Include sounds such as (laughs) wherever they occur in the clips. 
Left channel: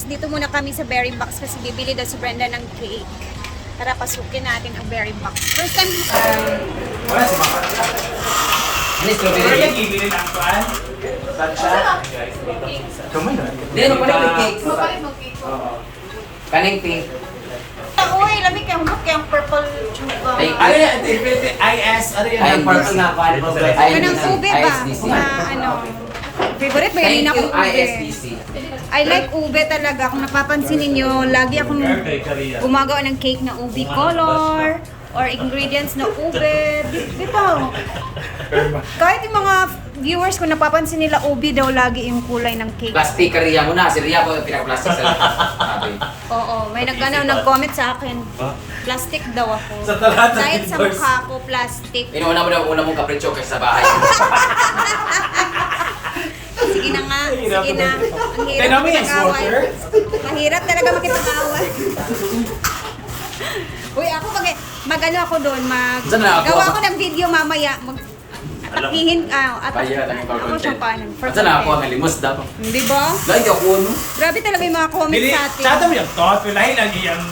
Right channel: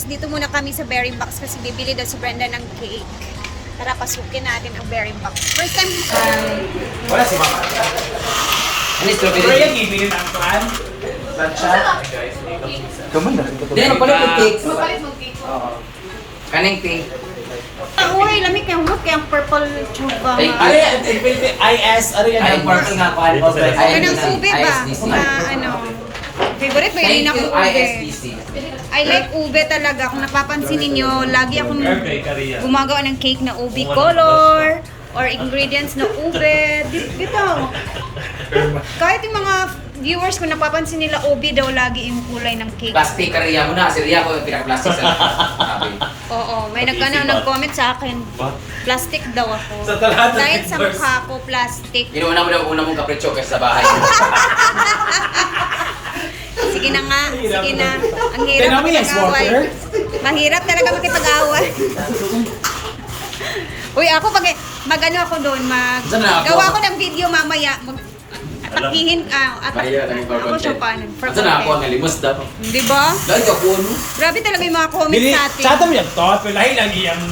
Dito muna kami sa Berry Box kasi bibili daw si Brenda ng cake. Tara, pasukin natin ang Berry Box. First time, Wala si Mama. Ano yung strawberry? yung ibinin ang pan. Tatcha. Hindi, magpalit ng cake. Kaning pink. Uy, lamig yung look, yung purple. Thank Ano yan? IS, ano yan? Ay, purple nga kwan. Ay, Kanang ISDC. ube ba? Na ano, favorite ba yun Thank akong you, ube? ISDC. I like ube talaga. Kung napapansin ninyo, lagi akong gumagawa ng cake na ube color or ingredients na ube. Dito. Kahit yung mga viewers ko napapansin nila ube daw lagi yung kulay ng cake. Plastic ka Ria mo na. Si Ria ko yung pinaka-plastic sa sabi. (laughs) Oo, may nagkano nag-comment sa akin. Plastic daw ako. Sa lahat Dahil sa mukha ko, plastic. Inuuna mo na yung una mong kapritsyo kaysa sa bahay. (laughs) Sige na nga, sige na. Ang hirap makipag-away. Mahirap talaga makipag-away. Uy, ako pag magano ako doon, mag gawa ko ng video mamaya, mag atakihin ah, atak, ako siya pa nun, for Saan ako ang nalimos dapat? Di ba? Like ako ano? Grabe talaga yung mga comments sa atin. sa yung thought, lahi lagi ang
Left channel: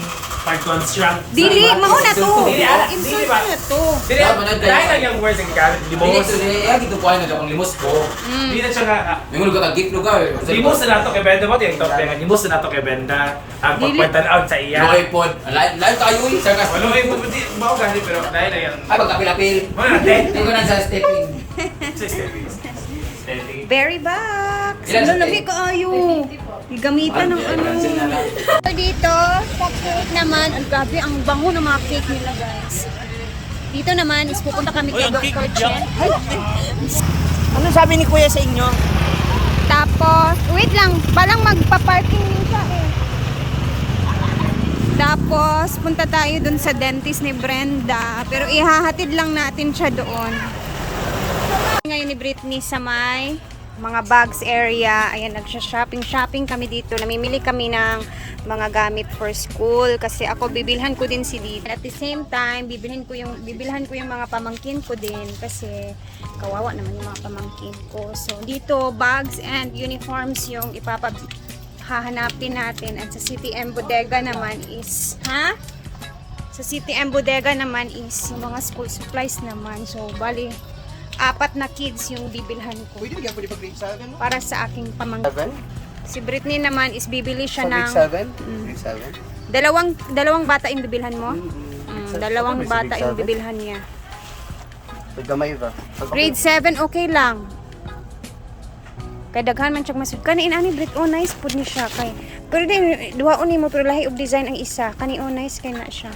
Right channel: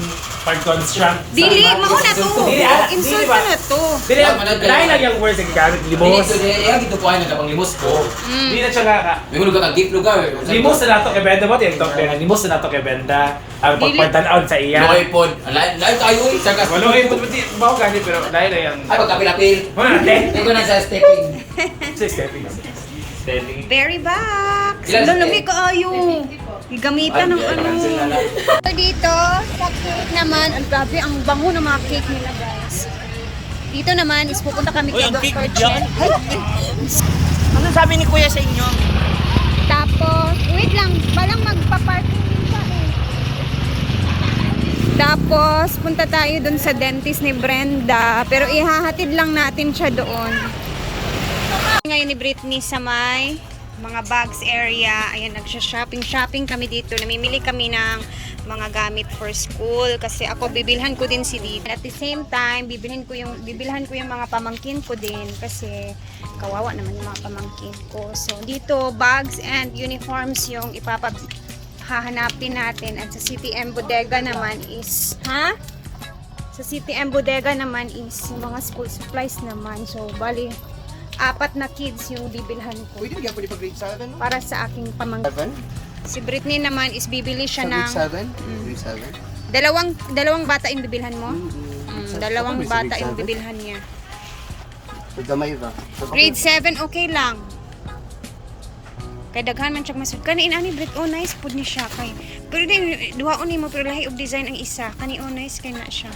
pag-construct. Dili, mauna to. Dili, ah, Insult dili ko ba? na to. Dili, Dapat manad- lahi lagi ang words ang gamit. Hindi, Limos. so kaya gito ko ay nagapang limos ko. Mm. Hindi na siya nga. May mga lugar kang gift lugar. Limos na nato kay Benda mo, yung top din. Limos na nato kay Benda. Ang Dili. pagpantanaw sa iya. Loy pod. Lain tayo eh. Sarkas. Walo kayo, hindi ba ako ganit, pero dahil na yan. Ay pagkapilapil. Hindi ko na sa stepping. (laughs) Stepping. Very back. Ilan- Lalami ka ayo. Gamitan ng ano. So dito, sa cake naman, ang grabe, ang bango ng mga cake nila guys. Dito naman is pupunta kami kay Dr. Chen. Ano sabi ni Kuya sa inyo? Tapos, wait lang, balang magpa-parking siya eh. Tapos, punta tayo dun sa dentist ni Brenda. Pero ihahatid lang natin siya doon. Ngayon ni Britney sa may mga bags area. Ayan, nagsha-shopping-shopping kami dito. Namimili kami ng mga gamit for school kasi ako bibilhan ko din si Lida. At the same time, bibilhin ko yung bibilhan ko yung mga pamangkin ko din kasi kawawa naman yung mga pamangkin ko. So dito bags and uniforms yung ipapab hahanapin natin at sa CTM Bodega naman is ha? Sa CTM Bodega naman is yung mga school supplies naman. So bali apat na kids yung bibilhan ko Pwede bigyan pwede pa grade 7? para sa aking pamangkin. 7? Si Britney naman is bibili siya ng grade 7? Mm. Grade 7? dalawang dalawang bata yung bibilhan mo. Mm-mm. Mm, dalawang bata yung 7? bibilhan niya. Pag gamay ba? Grade 7 okay lang. Kay daghan man siyang masud kani ani Brit oh nice pud ni siya kay. Pero din duhaon ni mo pero lahi og design ang isa. Kani oh nice kay na siya.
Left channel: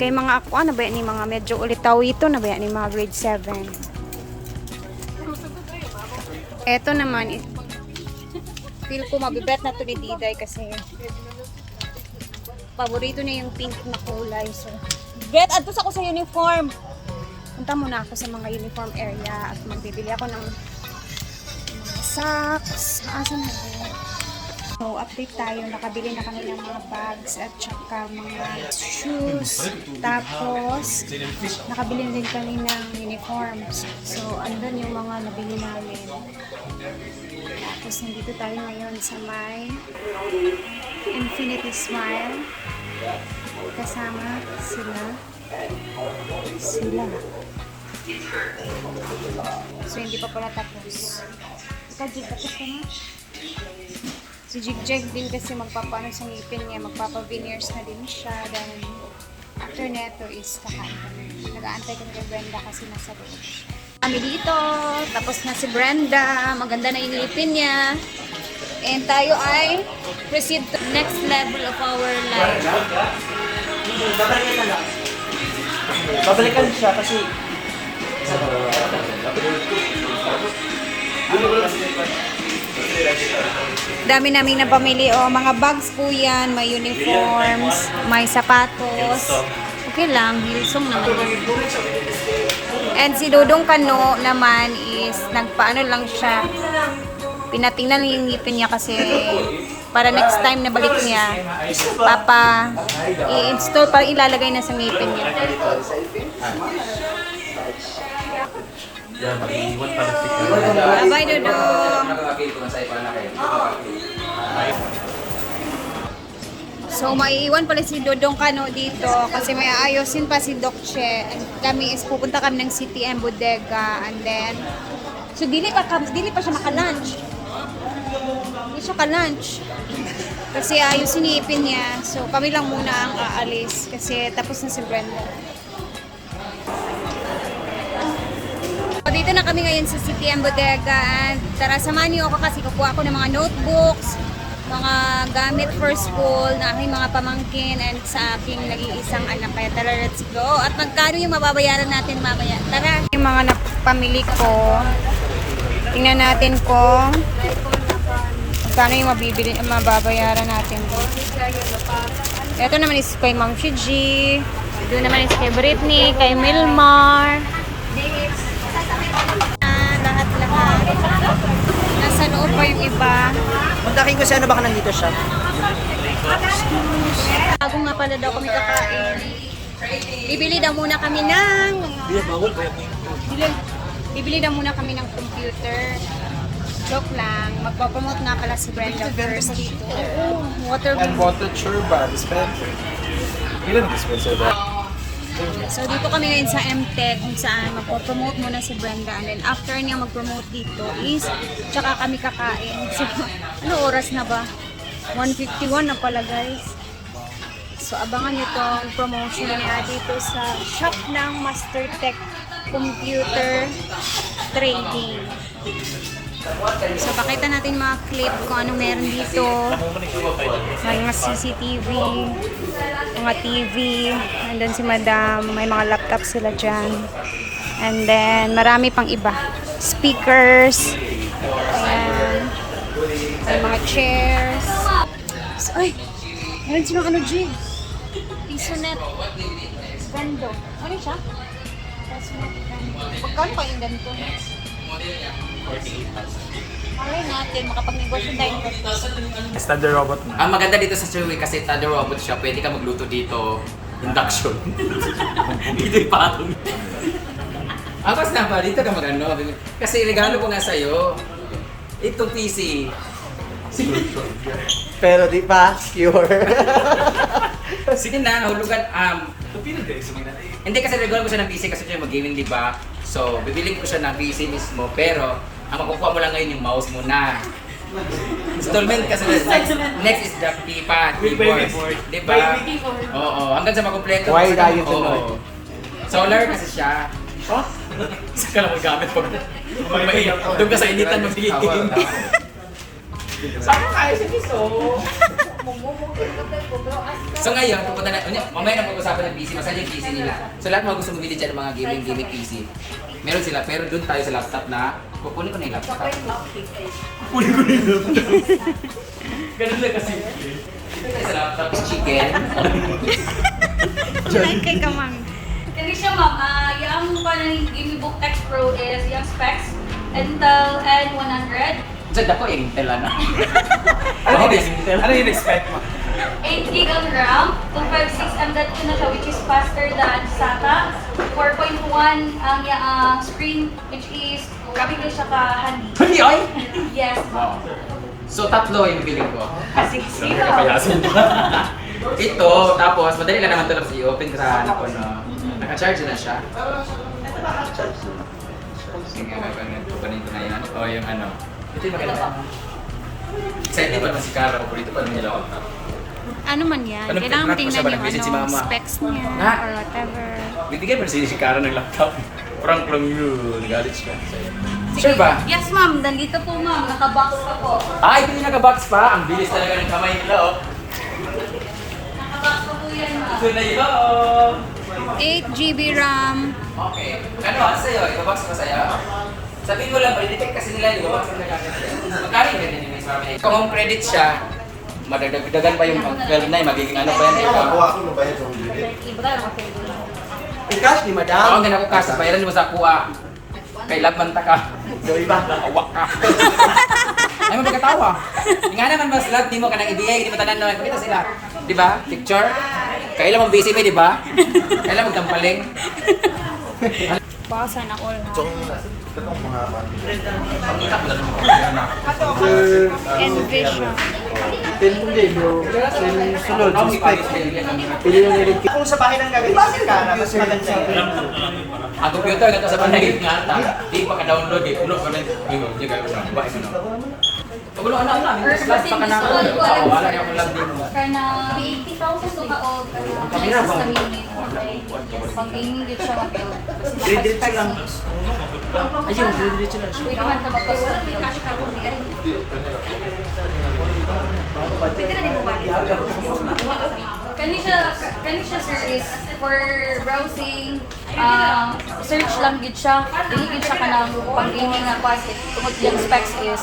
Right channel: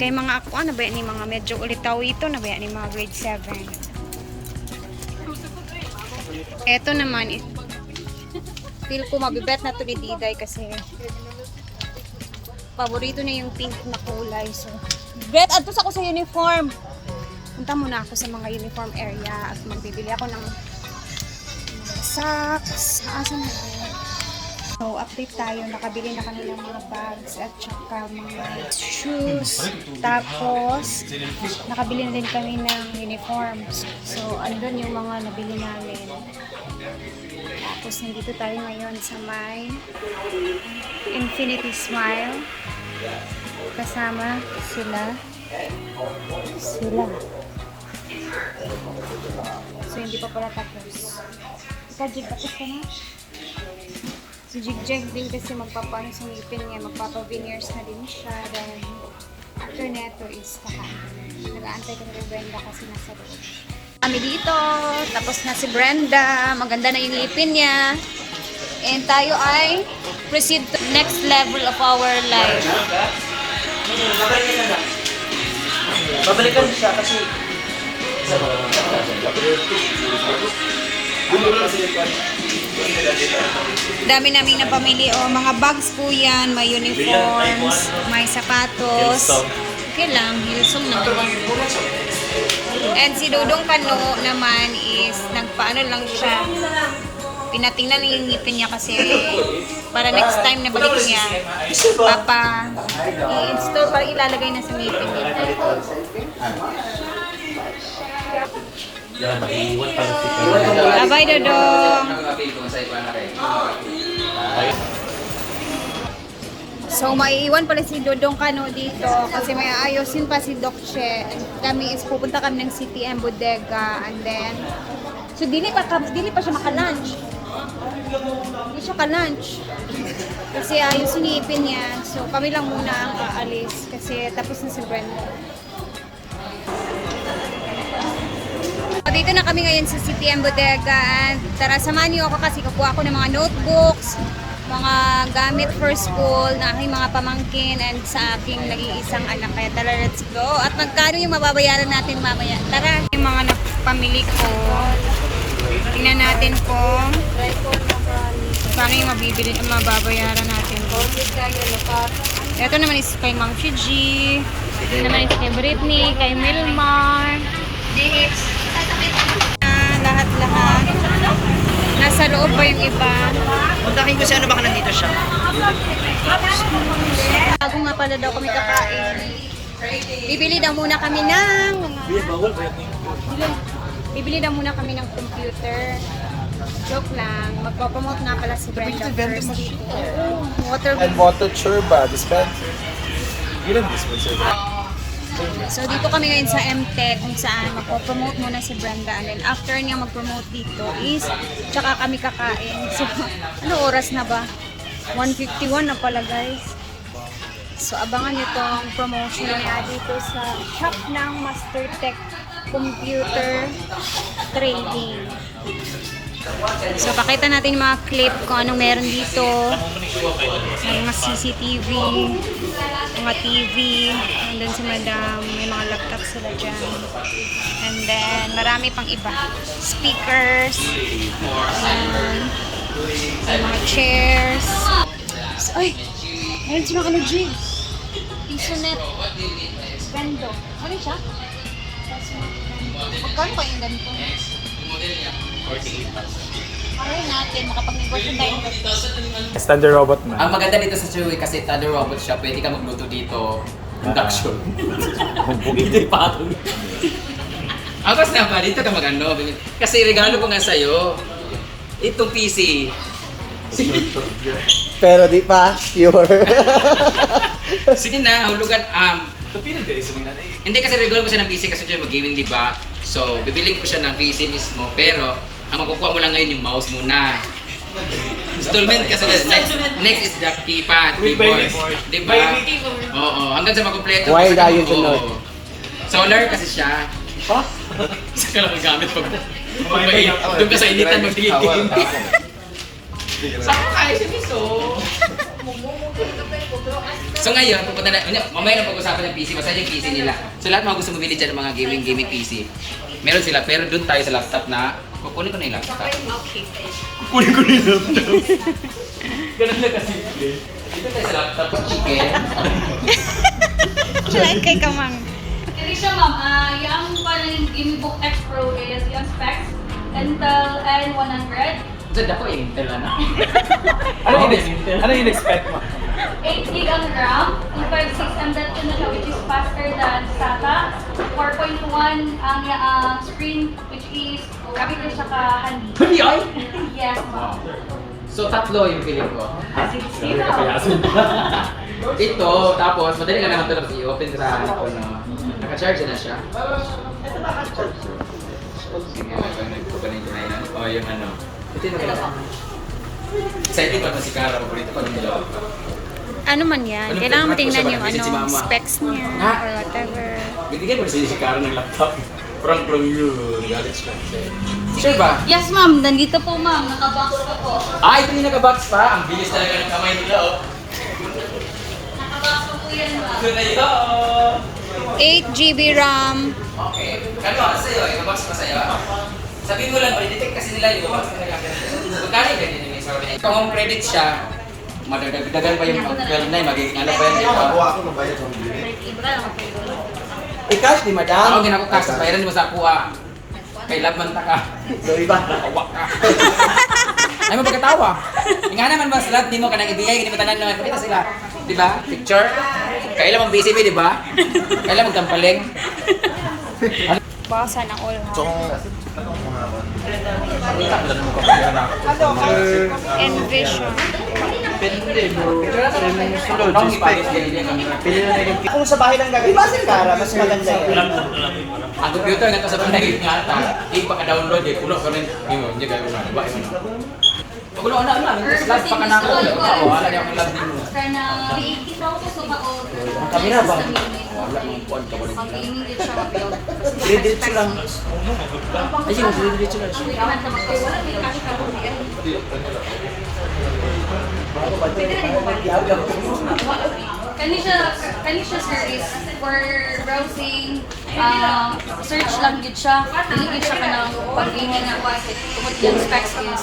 Kay mga ako ano ba ni mga medyo ulitaw ito na ba ni mga grade 7. Eto naman it, feel ko mabibet na to ni Diday kasi paborito niya yung pink na kulay. So, Bet, adtos ako sa uniform. Punta muna ako sa mga uniform area at magbibili ako ng mga socks. Asan na? So, update tayo. Nakabili na kami ng mga bags at saka mga shoes. Tapos, nakabili na din kami ng uniforms. So, andun yung mga nabili namin. Tapos, nandito tayo ngayon sa may Infinity Smile. Kasama sila. Sila. So, hindi pa pala tapos. Ikaw, Jig, tapos ka na? Si Jigjag din kasi magpapaano sa ngipin niya, magpapa-veneers na din siya. Then, after neto is kakain. Nag-aantay ko ni Brenda kasi nasa loob. Kami dito, tapos na si Brenda, maganda na yung ngipin niya. And tayo ay proceed to next level of our life. Babalikan siya kasi Dami namin na pamili. O, mga bags po yan, may uniforms, may sapatos. Okay lang, Hilsong naman. And si Dudong Kano naman is, nagpaano lang siya. Pinatingnan yung ngipin niya kasi para next time na balik niya, papa, i-install, para ilalagay na sa ngipin niya. Bye-bye, Dodong! So, maiiwan pala si Dodong Kano dito kasi may ayusin pa si Doc Che. Kami is pupunta kami ng CTM Bodega and then so dili pa dili pa siya maka-lunch. Hindi siya ka-lunch. Kasi ayusin ipin niya. So, kami lang muna ang aalis kasi tapos na si Brenda. Dito na kami ngayon sa CTM Bodega and tara samahan niyo ako kasi kukuha ako ng mga notebooks, mga gamit for school na aking mga pamangkin and sa aking nag-iisang anak. Kaya tara, let's go. At magkano yung mababayaran natin mamaya? Tara, yung mga napamili ko. Tingnan natin kung magkano yung mabibili, mababayaran natin. Ito naman is kay Ma'am Shiji. Ito naman is kay Britney, kay Milmar. Ah, lahat-lahat. Nasa loob pa yung iba. Kontakin ko siya ano baka nandito siya. Bago nga pala daw kami kakain. Bibili daw muna kami ng... Bibili, daw muna kami ng computer. Joke lang. Magpapromote na pala si Brenda first. Oo, water And water churba, dispenser. Ilan dispenser ba? So dito kami ngayon sa MTech kung saan magpo-promote muna si Brenda and then after niya mag-promote dito is tsaka kami kakain. (laughs) So ano oras na ba? 151 na pala guys. So abangan niyo tong promotion niya dito sa shop ng Mastertech Computer Trading. So pakita natin mga clip kung anong meron dito. May mga CCTV, mga TV. Nandun si madam. May mga laptop sila dyan. And then, marami pang iba. Speakers. Ayan. May mga chairs. So, ay! Meron silang ano, G? Isonet. Vendo. Ano siya? Pagkano kayong ganito? 48. Alay natin, makapag-negosyo tayo ng restaurant. Standard robot man. Ang maganda dito sa Chewy kasi standard robot siya, pwede ka magluto dito. Induction. (laughs) dito yung patong. Ang tapos na ba, dito ka magano. Kasi regalo ko nga sa'yo. Itong PC. Pero di pa sure. (laughs) Sige na, hulugan. Um, eh. hindi kasi regalo ko siya ng PC kasi siya mag-gaming, di ba? So, bibili ko siya ng PC mismo. Pero, ang makukuha mo lang ngayon yung mouse muna. Installment kasi na, next, next is the keypad, keyboard. Di ba? Oo, hanggang sa makumpleto. Why tayo ka- sunod? Solar kasi siya. Saka lang magamit pag pag may doon ka sa initan magtigil. Saka kaya siya miso. So ngayon, pupunta na, unya, mamaya na pag-usapan ng PC, basta yung PC nila. So lahat mga gusto mabili dyan ng mga gaming, gaming PC. Meron sila, pero doon tayo sa laptop na, kukunin ko na yung laptop. Kukunin ko na yung laptop. Ganun lang kasi. Dito tayo sa laptop, chicken. Sila kay Kamang. Kaya siya ma'am, ah yung Gimibook X Pro is yung specs, Intel N100, Diyan ako (laughs) yung Intel na. Ano yung ano yung expect mo? 8 gig ang RAM, 256 M.2 na siya which is faster than SATA, 4.1 ang yung screen which is ko siya ka-handy. Hindi ay! (laughs) yes ma'am. So tatlo yung feeling ko. Ah, sige, sige. Kapayasin. (laughs) Ito, tapos madali ka naman talaga i-open ko sa ano ko, no? Naka-charge na siya. Sige, pag nagpupanin ko na yun. O, yung ano. Ito yung maganda. Excited pa naman si Cara. Paborito pa naman nila ako. Ano man yan? Ano, Kailangan mo tingnan yung ano, specs niya Ha? or whatever. Bibigyan mo si si Cara ng laptop. Prank lang yun. Galit siya. Sure ba? Yes ma'am, nandito po ma'am, nakabox pa po. Ah, ito yung nag-box pa. Ang bilis talaga ng kamay nila, oh. Nakabox pa po yan ma'am. Good na yun. 8 GB RAM. Okay. Ano, ano sa'yo? Ito box pa sa'yo? Sabihin mo lang, i-detect kasi nila nila. Magkano yung ganyan yung may sabi niya? Kung home credit siya, madagdagan pa yung mag 12 na, magiging ano pa yan, ba? ako ng bayad ng bili. Ikas, di madam? Oo, ganun ko kasi, bayaran mo sa kuha. Kay Labman ta ka. Gawin ba? Awa ka. Ay mo pagkatawa. Nga naman mas lahat di mo kanang ibigay, hindi mo tanan naman. Pakita sila. Di ba? Picture. Kailan mong busy mo, di ba? Kailan mong tampaling. Baka sana all ha. Envision. Kung sa bahay lang gagawin sa kara, mas maganda yan. Ang computer nga sa panahit nga ta, di pa ka-download eh, puno kami. Imo, niya gawin sa babae mo no. Pag ano ano ano, slash pa ka na ako, wala niya ako lag nimo. Kana gusto ka o Kamera ba? Sa minute. Pag-gaming din siya. Diretso lang. Ay, yung diretso lang. Kani siya, kani siya sir is for browsing, um, search lang gid siya. Gid siya kanang pag-gaming nga pa. Tungod yung specs is,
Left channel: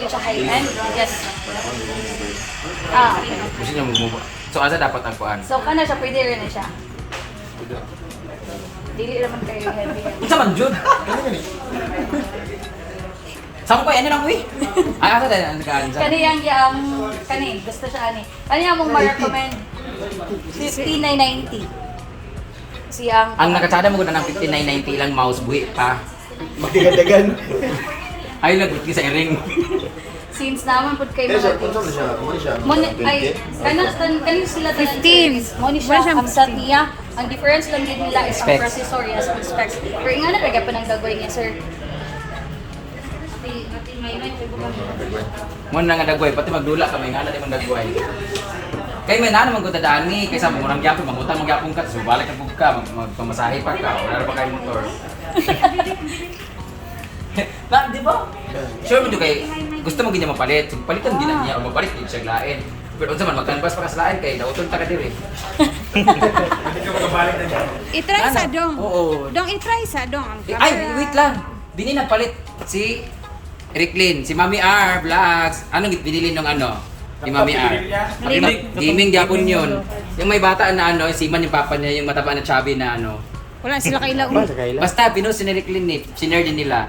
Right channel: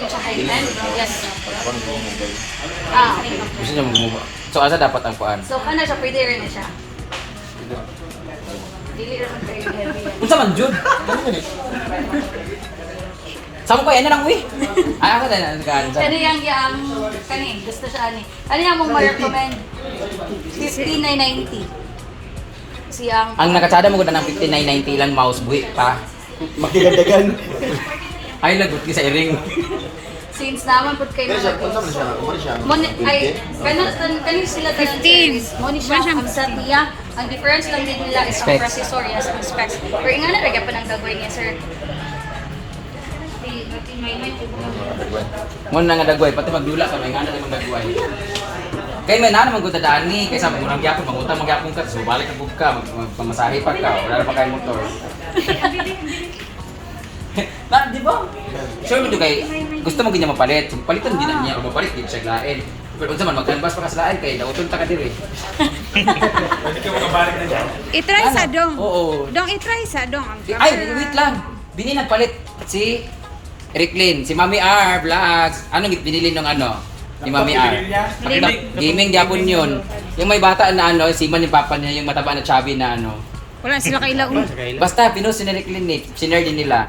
gid siya high-end. Yes. Ah, Gusto niya mag So asa dapat ang kuan? so kana siya, pwede rin na siya. Unsa man jud? Ano gani? Sama ko yan lang uy. Ay asa dahil ang kain sa. Kani yang yang kani gusto siya ani. Kani among ma-recommend 5990. Siyang Ang nakatsada mo ko na ng 5990 ilang mouse buhi pa. Magdigadagan. Ay nagut sa iring. since naman pud kay Pero siya, kung saan siya, ano siya? Ay kana tan kani sila tanan 15. Moni siya Wala siyang ang set niya. Ang difference lang din nila is ang Specs. processor yes ang specs. Pero nga na lagay pa ng dagoy niya sir. Mo na nga dagway pati magdula ka may ngana di man dagway. Kay may nana magud dani kay sa murang gyapon mangutang magyapon ka so balik ka pug ka mag magpamasahe pa ka wala na pa kay motor. (laughs) Na, di ba? Sure mo kay gusto mo ganyan mapalit. So, palitan din na niya o mapalit din siya lain. Pero unsa man magkanbas pa ka sa lain kay dauton ta ka diri. (laughs) Itry sa Ano? dong. Oo. Dong, itry sa dong. Ang Ay, wait lang. Bini nagpalit si Ricklin, si Mami R Vlogs. Ano binili nung ano? Ni Mami R. Gaming. Japon yun. Yung may bata na ano, si Man yung papa niya, yung mataba na chubby na ano. Wala sila kailaon. Basta, pinost ni Ricklin eh. Sinare din nila.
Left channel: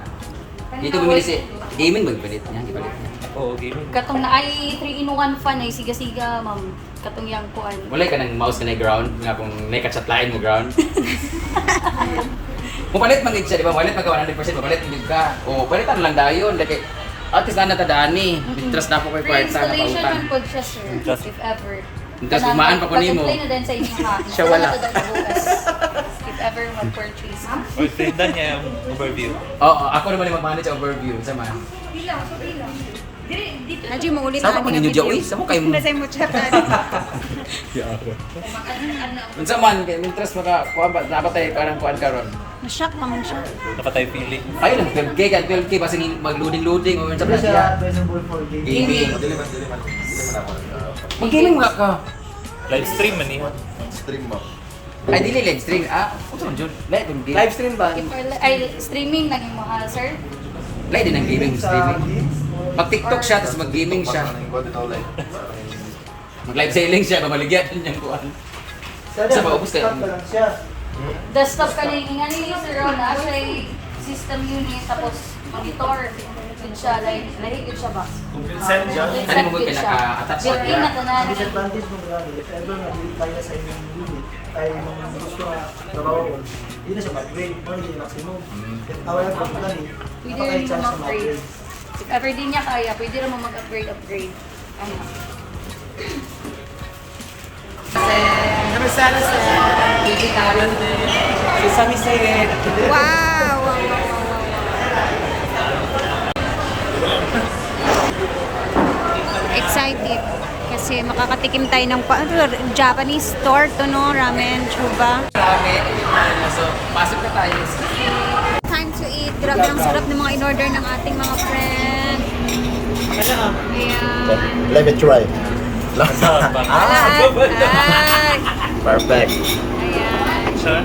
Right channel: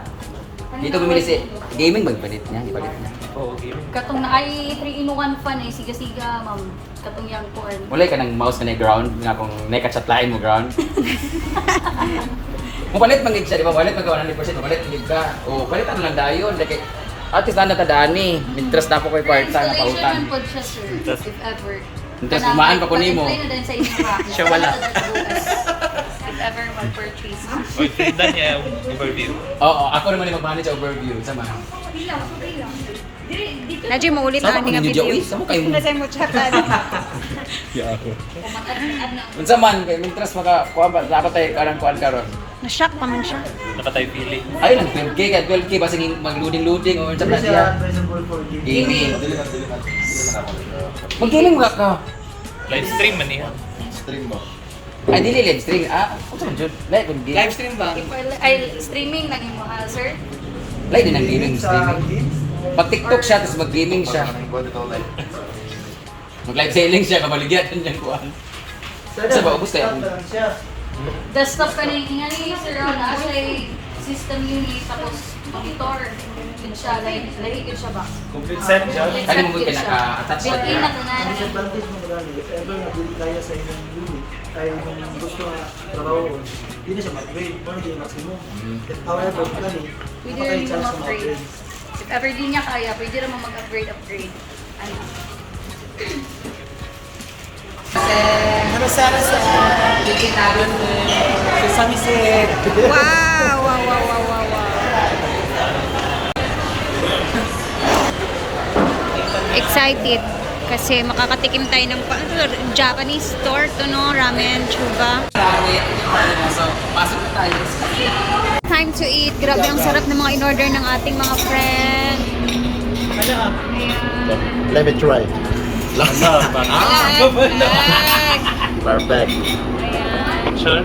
Dito bumili si Gaming magpalit niya, ipalit niya. Oo, game. Katong na ay 3 in 1 fan ay siga-siga ma'am. Katong yang kuan. Wala ka ng mouse na na ground, nga kung may katsatlain mo ground. (laughs) Mupalit man gid siya, di ba? Mupalit man ka 100%, mupalit gid ka. O, palitan lang dayon. Like, at least na natadani. Mitras na po kay kwarta na Installation pautan. ng pod siya sir, if ever. Tapos bumaan pa ko nimo. (laughs) Siya wala. If ever will purchase. Uy, tindan niya yung overview. Oo, ako naman yung mag-manage overview. Sama. Ilaw, so ilaw. Nadyo mo ulit ang nga ninyo video. uy. Sama kayo mo. Nasay mo chat. ano. Unsa man kay mitras maka kuan ba dapat tayo karang kuan karon. Na-shock pa man siya. Nakatay feeling. Ay lang 12k ka 12k basta mag-loading-loading o unsa man siya. Gaming. Magkiling mo ka. Live stream man eh. Ay dili live stream. Ah, unsa man jud? Live. Live stream ba? Ay, streaming naging mo, ah, sir. Live din ang gaming streaming. Pag TikTok siya tapos mag-gaming siya. Mag-live selling siya, mamaligyan yung kuan. Sa ba ubos kaya? Desktop ka na yung nga ni sir, na siya system yun eh, tapos monitor. Yun siya, yun siya ba? Complete set siya. Ano mo ka naka-attach na Built-in na tanan. advantage mo gani if ever na kaya sa inyong unit ay yung gusto na trabaho di na siya mag-grade mo na yung maximum If however gani Pwede napaka rin chance na mag-grade ever di niya kaya, pwede rin mo mag-upgrade, upgrade. Ano? Wow! Wow, wow, wow, wow, wow. Excited kasi makakatikim tayo ng ano, Japanese store to no, ramen, chuba. Marami. So, pasok na tayo. Time to eat. Grabe ang sarap ng mga in-order ng ating mga friend. Ayan. Let me try. Ay, ay. Perfect. Ayan. Sure.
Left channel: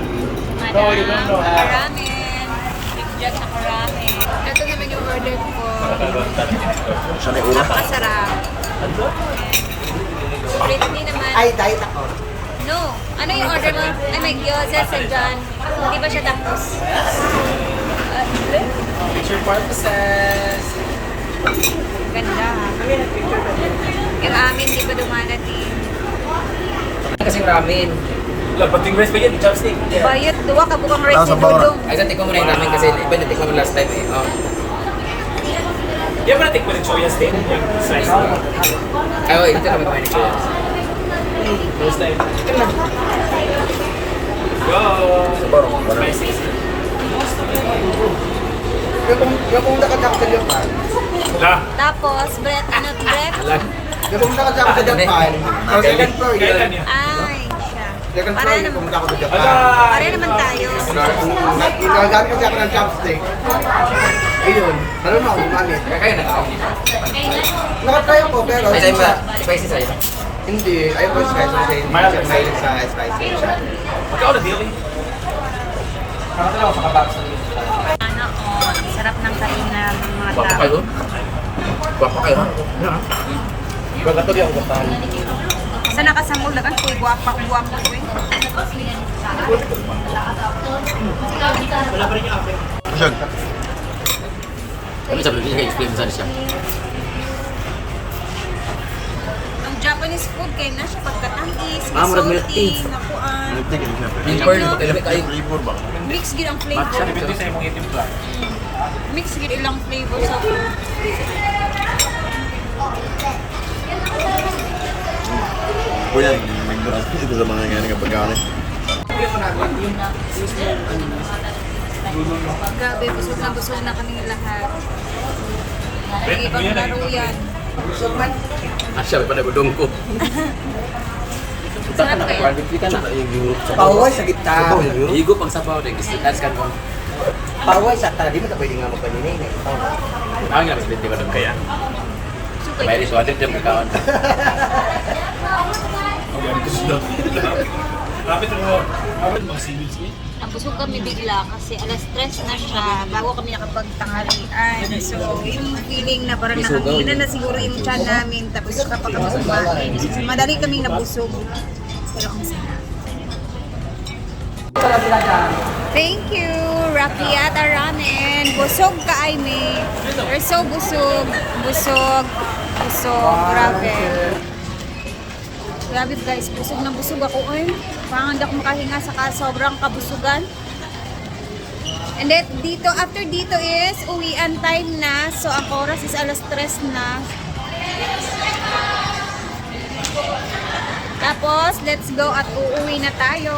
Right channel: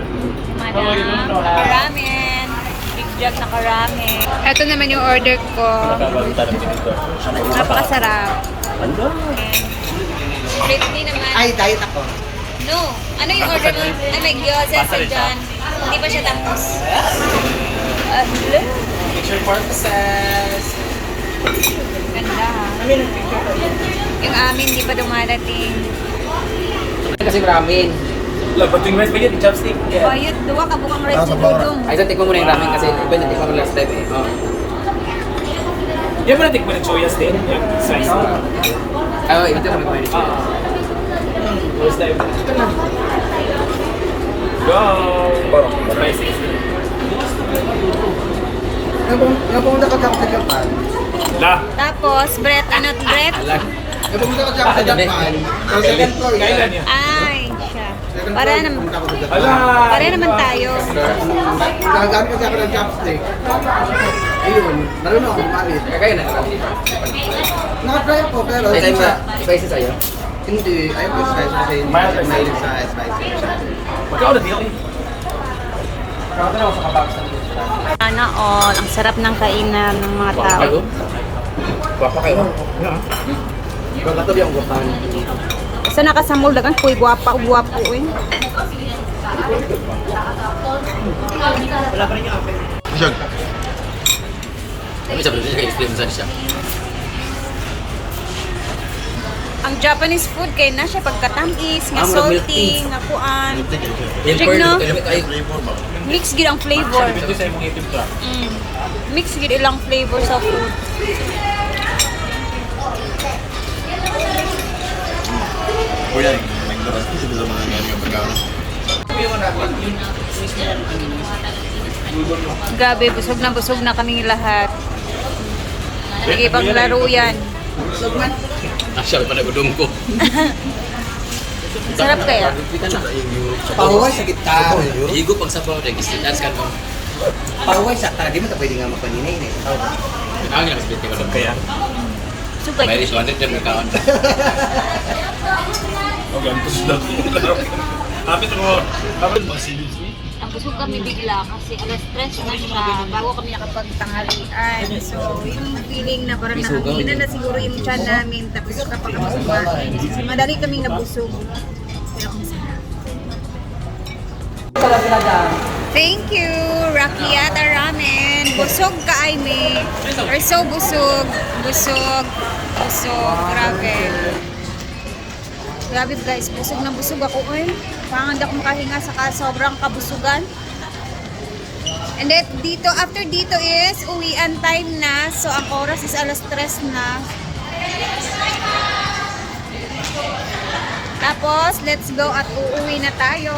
Madam, nakaramen. Big jug nakaramen. Ito naman yung order ko. Napakasarap. Britney naman. Ay, diet ako. No. Ano yung order mo? Ay, may gyoza sa dyan. Hindi pa siya tapos. Ah, hello. Picture purposes. Ganda ha. Yung amin, di pa dumadating. Kasing ramen. Wala, pating rice pa yun, chopstick. Bayot, duwa ka bukang rice ni Dudong. Ay, sa tikmo mo na yung ramen kasi iba na tikmo ko last time eh. Oh. Yung ba natin ko ng choya steak? Yung slice na. Ay, oh, dito kami kumain ni Kuya. Ito na. Go! Basic. Yung pumunta ka sa Japan, Na. Tapos, Brett, ano, Brett? yung pumunta ka sa Japan, sa second floor yun. Ay, siya. Second Para floor, naman, pumunta ako sa Japan. Para naman tayo. Nagagamit kasi ako ng chopstick. Ayun, marunong ako gumanit. Kakain na lang dito. Nakatry ako pero Ay, sa... ba? Spicy sa'yo? Hindi, ayaw ko yung spicy kasi hindi ako mahilig sa spicy siya. Okay, ulit yun. Sana all, ang sarap ng kainan ng mga Guwapo tao. kayo? Guwapo kayo? Kung katuloy ako gapan. Sa nakasamol, dagan, puy, guwapa, guwapo, eh. Ano siya? Ano siya? Explain mo saan siya. Ang Japanese food, kay na siya pagkatamis, nga salty, nga kuan. Yung Check pearl, na. ito yung kayo. Mix gid ang flavor. Mm. Mix gid ilang flavor sa food. Kuya, nagburas ko sa mga ganyan kapag galit. Gabi, busog na busog na kaming lahat. Sige, paglaro yan. Asyal pa na gudong ko. Sarap kaya. Hindi ka na. Paway sa gitna. Higop ang sabaw. That's kan on. Paway sa ta, di mo ta pwede nga magpaninin eh. Kenapa kita seperti kalau Kaya. Sukay. May resort jam kawan. Oh, gantos (laughs) na ko. Kapit. Kapit. Ang busog kami bigla kasi alas 3 na siya bago kami nakapagtanghalian. So, yung feeling na parang nakangina na siguro yung tiyan namin tapos kapag kami kumain. So, madali kaming nabusog. Pero ang sarap. Thank you, Rakiata Ramen. Busog ka, Aime. You're so busog. Busog. Busog. Grabe. Grabe guys, busog na busog ako. Ay, parang hindi ako makahinga sa ka sobrang kabusugan. And then, dito, after dito is uwian time na. So, ang oras is alas 3 na. Tapos, let's go at uuwi na tayo.